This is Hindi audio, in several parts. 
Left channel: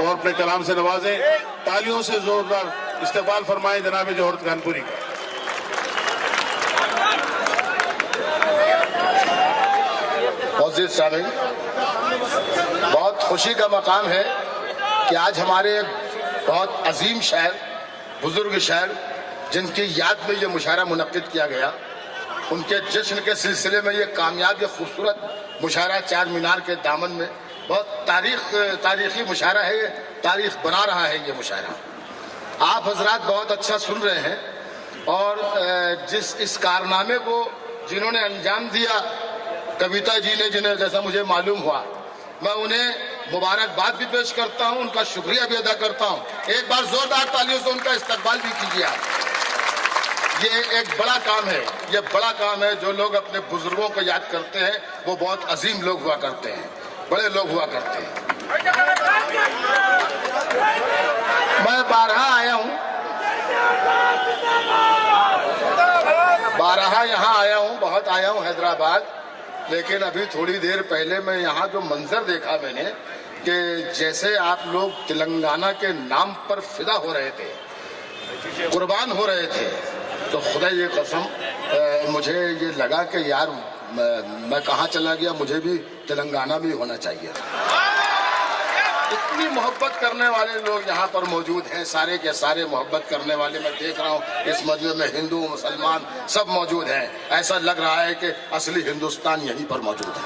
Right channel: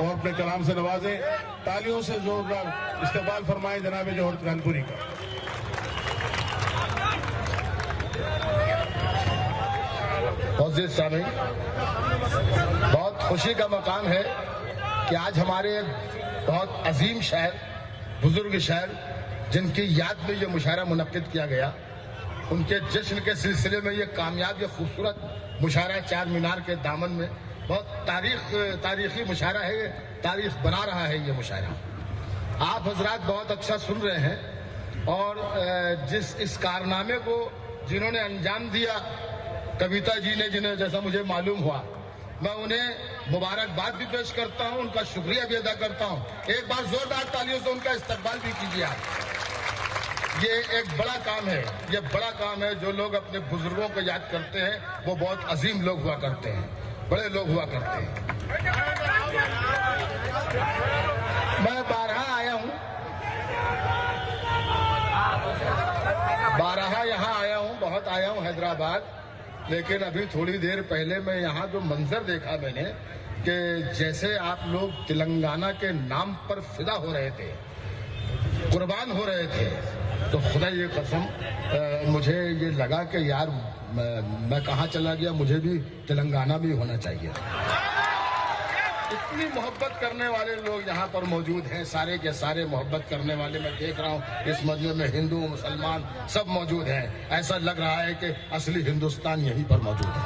और अपने कलाम से नवाजें। तालियों से जोरदार इस्तकबाल फरमाएं जनाब जौहर कानपुरी का। मोअज़्ज़िज़ सामीन, बहुत खुशी का मकाम है कि आज हमारे एक बहुत अजीम शायर, बुजुर्ग शायर, जिनकी याद में ये मुशायरा मुनक्किद किया गया, उनके जश्न के सिलसिले में ये कामयाब, ये खूबसूरत मुशायरा चार मीनार के दामन में, बहुत तारीखी मुशायरा है, तारीख बना रहा है ये मुशायरा। आप हजरात बहुत अच्छा सुन रहे हैं और जिस इस कारनामे को जिन्होंने अंजाम दिया, कविता जी ने, जिन्हें जैसा मुझे मालूम हुआ, मैं उन्हें मुबारकबाद भी पेश करता हूं, उनका शुक्रिया भी अदा करता हूं। एक बार जोरदार तालियों से उनका इस्तकबाल भी कीजिए आप। ये एक बड़ा काम है, ये बड़ा काम है। जो लोग अपने बुजुर्गों को याद करते हैं वो बहुत अजीम लोग हुआ करते हैं, बड़े लोग हुआ करते हैं। मैं 12 आया हूं, 12 यहाँ आया हूं, बहुत आया हूं हैदराबाद, लेकिन अभी थोड़ी देर पहले मैं यहाँ जो मंजर देखा मैंने कि जैसे आप लोग तेलंगाना के नाम पर फिदा हो रहे थे, कुर्बान हो रहे थे, तो खुदा ये कसम मुझे ये लगा कि यार मैं कहाँ चला गया, मुझे भी तेलंगाना भी होना चाहिए। इतनी मोहब्बत करने वाले लोग यहाँ पर मौजूद हैं, सारे के सारे मोहब्बत करने वाले। मैं देख रहा हूँ इस मजमे में हिंदू मुसलमान सब मौजूद हैं। ऐसा लग रहा है कि असली हिंदुस्तान यहीं पर मौजूद है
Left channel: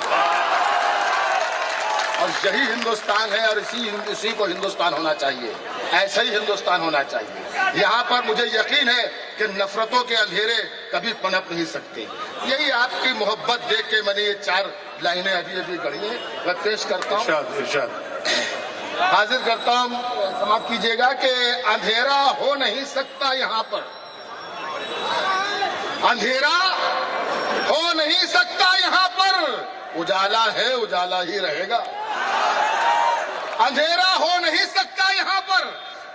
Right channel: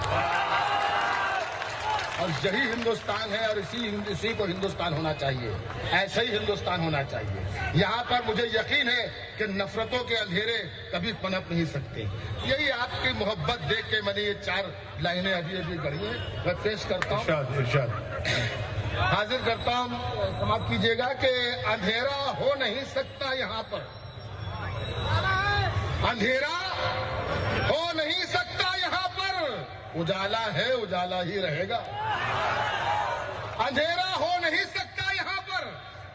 और यही हिंदुस्तान है और इसी को हिंदुस्तान होना चाहिए, ऐसा ही हिंदुस्तान होना चाहिए। यहाँ पर मुझे यकीन है कि नफरतों के अंधेरे कभी पनप नहीं सकते। यही आपकी मोहब्बत देख के मैंने ये 4 लाइनें अभी गढ़ी हैं, मैं पेश करता हूँ, हाजिर करता हूँ, समाप्त कीजिएगा कि अंधेरा हो नहीं सकता यहाँ पर, अंधेरा हो नहीं सकता यहाँ पर, उजाला है उजाला ही रहेगा। अंधेरा हो नहीं सकता यहाँ पर,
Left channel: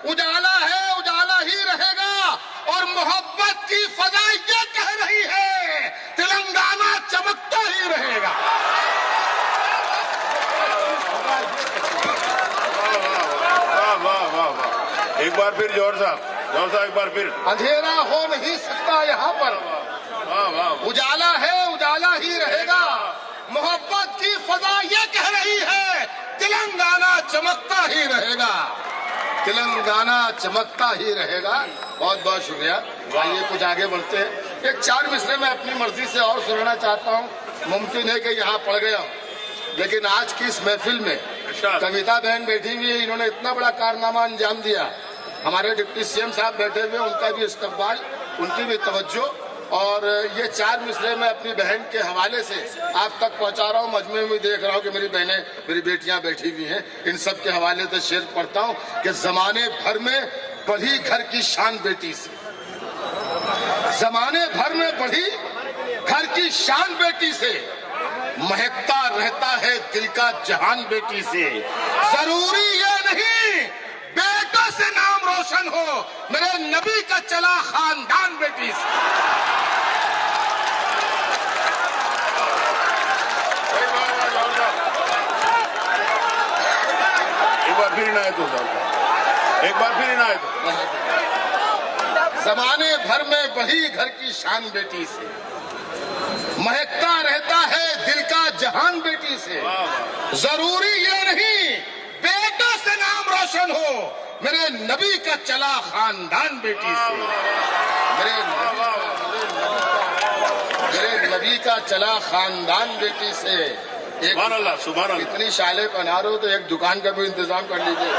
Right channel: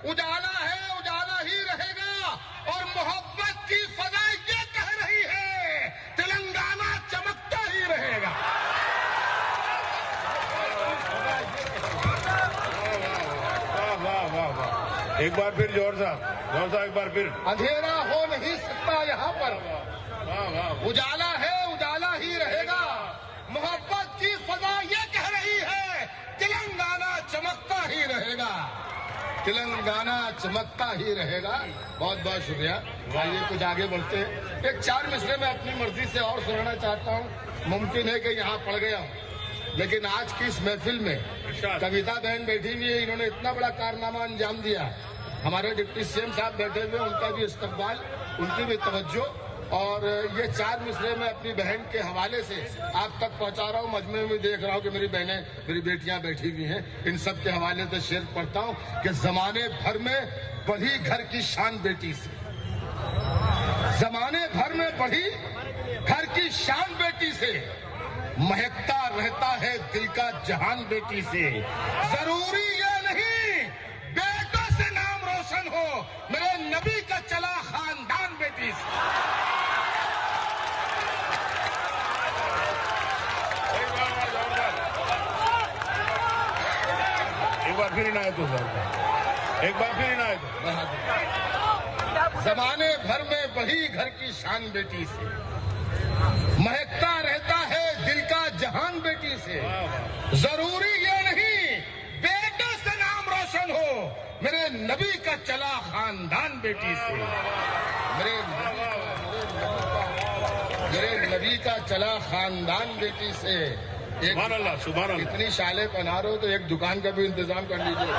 उजाला है उजाला ही रहेगा। और मोहब्बत की फजा ये कह रही है, तेलंगाना चमकता ही रहेगा। एक बार फिर जौहर साहब एक बार फिर। अंधेरा हो नहीं सकता यहाँ पर, उजाला है उजाला ही रहेगा। मोहब्बत की फजा ये कह रही है, तेलंगाना चमकता ही रहेगा, तेलंगाना चमकता ही रहेगा। बहुत बहुत शुक्रिया। आइए कुछ आगे बढ़ते हैं। एक 4 मिसरे में अपनी मर्जी से और सुनाना चाहता हूँ। मुमकिन है कि यहाँ पढ़ गया, लेकिन आज की इस महफिल में कविता बहन बैठी हुई है, इन्होंने इतना बड़ा कारनामा अंजाम दिया। हमारे डिप्टी सीएम साहब बैठे हुए, उनका भी इस्तकबाल, उनकी भी तवज्जो। और ये 4 मिसरे में अपनी बहन के हवाले से आप तक पहुंचा रहा हूँ। मजमे में देख रहा हूँ कि मेरी बहनें, मेरी बेटियां बैठी हुई हैं, इन सब के हवाले से शेर पढ़ता हूँ कि जमाने भर में बढ़ी घर की शान बेटी से, जमाने भर में बढ़ी घर की शान बेटी से, महकता रहता है दिल का जहान बेटी से। जरूरी ये नहीं बेटों से नाम रोशन हो, मेरे नबी का चला खानदान बेटी से। एक बार फिर इनायत हो, एक बार फिर इनायत हो। जमाने भर में बढ़ी घर की शान बेटी से, महकता रहता है दिल का जहान बेटी से। जरूरी ये नहीं बेटों से नाम रोशन हो, मेरे नबी का चला खानदान बेटी से। मेरे नबी का चला खानदान बेटी से। सुभान अल्लाह, सुभान अल्लाह। इतनी शाले पहना रहे हो तो एक दुकान का भी इंतजाम कर लीजिए।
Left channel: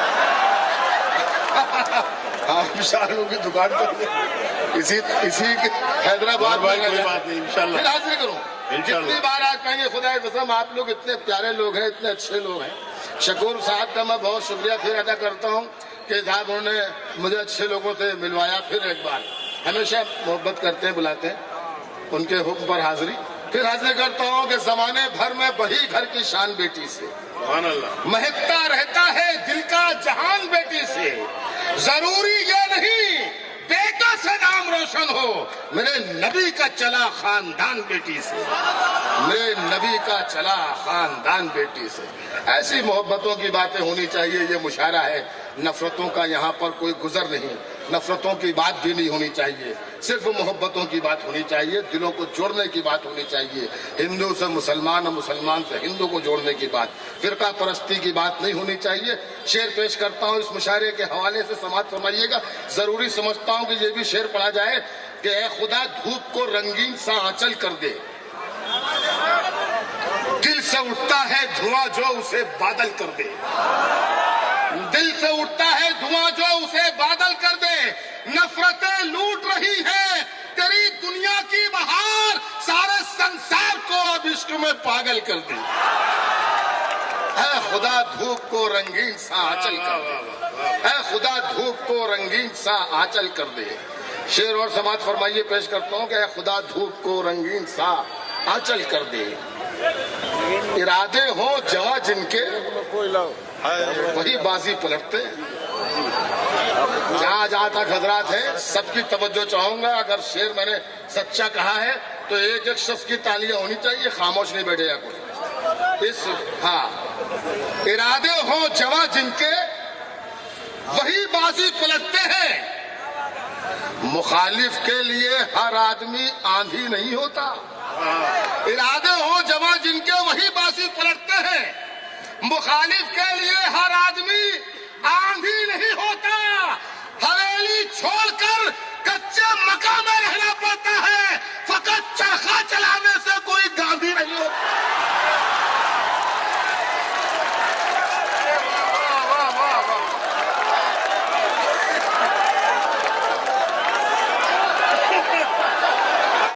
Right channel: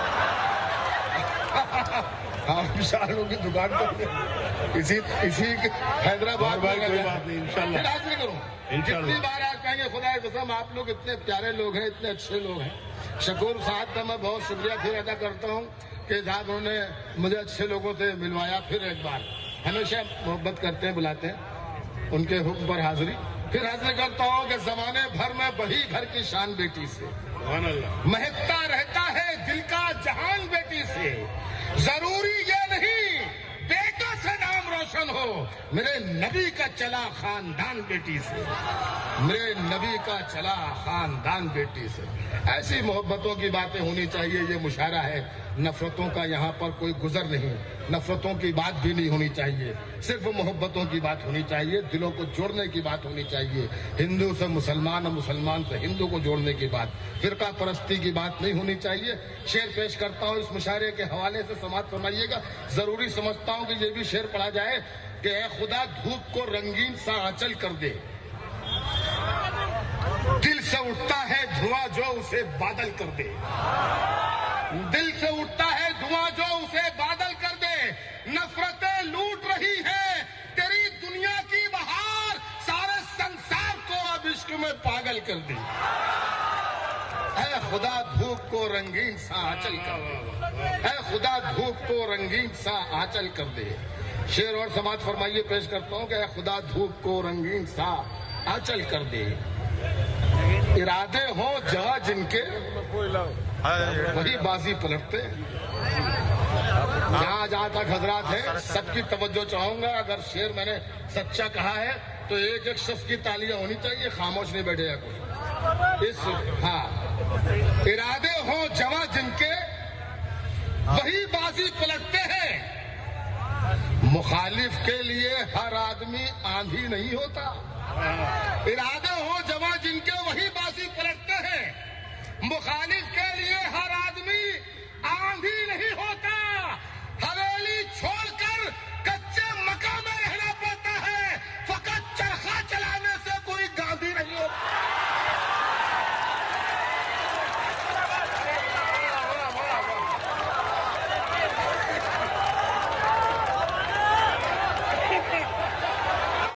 आप शालों की दुकान तो इसी हैदराबाद में इंशाल्लाह हाजिर करूँ। जितनी बार आप कहेंगे खुदा की कसम आप लोग इतने प्यारे लोग हैं, इतने अच्छे लोग हैं। शकूर साहब का मैं बहुत शुक्रिया फिर अदा करता हूँ कि साहब उन्होंने मुझे अच्छे लोगों से मिलवाया। फिर एक बार, हमेशा मोहब्बत करते हैं, बुलाते हैं, उनके हुक्म पर हाजिरी फिर हाजिर करता हूँ कि जमाने भर में बढ़ी घर की शान बेटी से, महकता रहता है दिल का जहान बेटी से। जरूरी ये नहीं बेटों से नाम रोशन हो, मेरे नबी का चला खानदान बेटी से, मेरे नबी का चला खानदान बेटी से। ऐसी मोहब्बतों की बातें होनी चाहिए। ये मुशायरा है, नफरतों का यहाँ पर कोई गुजर नहीं, नफरतों की बात भी नहीं होनी चाहिए, सिर्फ मोहब्बतों की बात होनी चाहिए, दिलों को जोड़ने की बात होनी चाहिए, हिंदू से मुसलमान और मुसलमान से हिंदू को जोड़ने की बात, फिरका परस्ती की बात नहीं होनी चाहिए। शेर पेश करता हूँ इस मुशायरे के हवाले से, समाअत फरमाइएगा। जरूरी समझता हूँ कि ये भी शेर पढ़ा जाए कि ऐ खुदा धूप को रंगीन सा आंचल कर दे, दिल से उठता है धुआं जो उसे बादल कर दे, दिल से उठता है धुआं जो उसे बादल कर दे, नफरतें लूट रही है तेरी दुनिया की बहार, सारे संसार को अब इश्क में पागल कर दे, है खुदा धूप को रंगीन सा आंचल कर दे, है खुदा धूप को रंगीन सा आंचल कर दे। शेर और समाअत फरमाइए, पेश करता हूँ कि है खुदा धूप को रंगीन सा आंचल कर दे। इरादे हो जवा जिनके वही बाजी पलटते। जहां जहां तक हजरात है सबकी तवज्जो चाहूंगा। अगर शेर मैंने सच्चा कहा है तो एक एक शख्स की तालियां होनी चाहिए, खामोश नहीं बैठेगा कोई। इस हाँ, इरादे हो जवा जिनके वही बाजी पलटते हैं। मुखालिफ के लिए हर आदमी आंधी नहीं होता। इरादे हो जवा जिनके वही बाजी पलटते हैं। मुखालिफ के लिए हर आदमी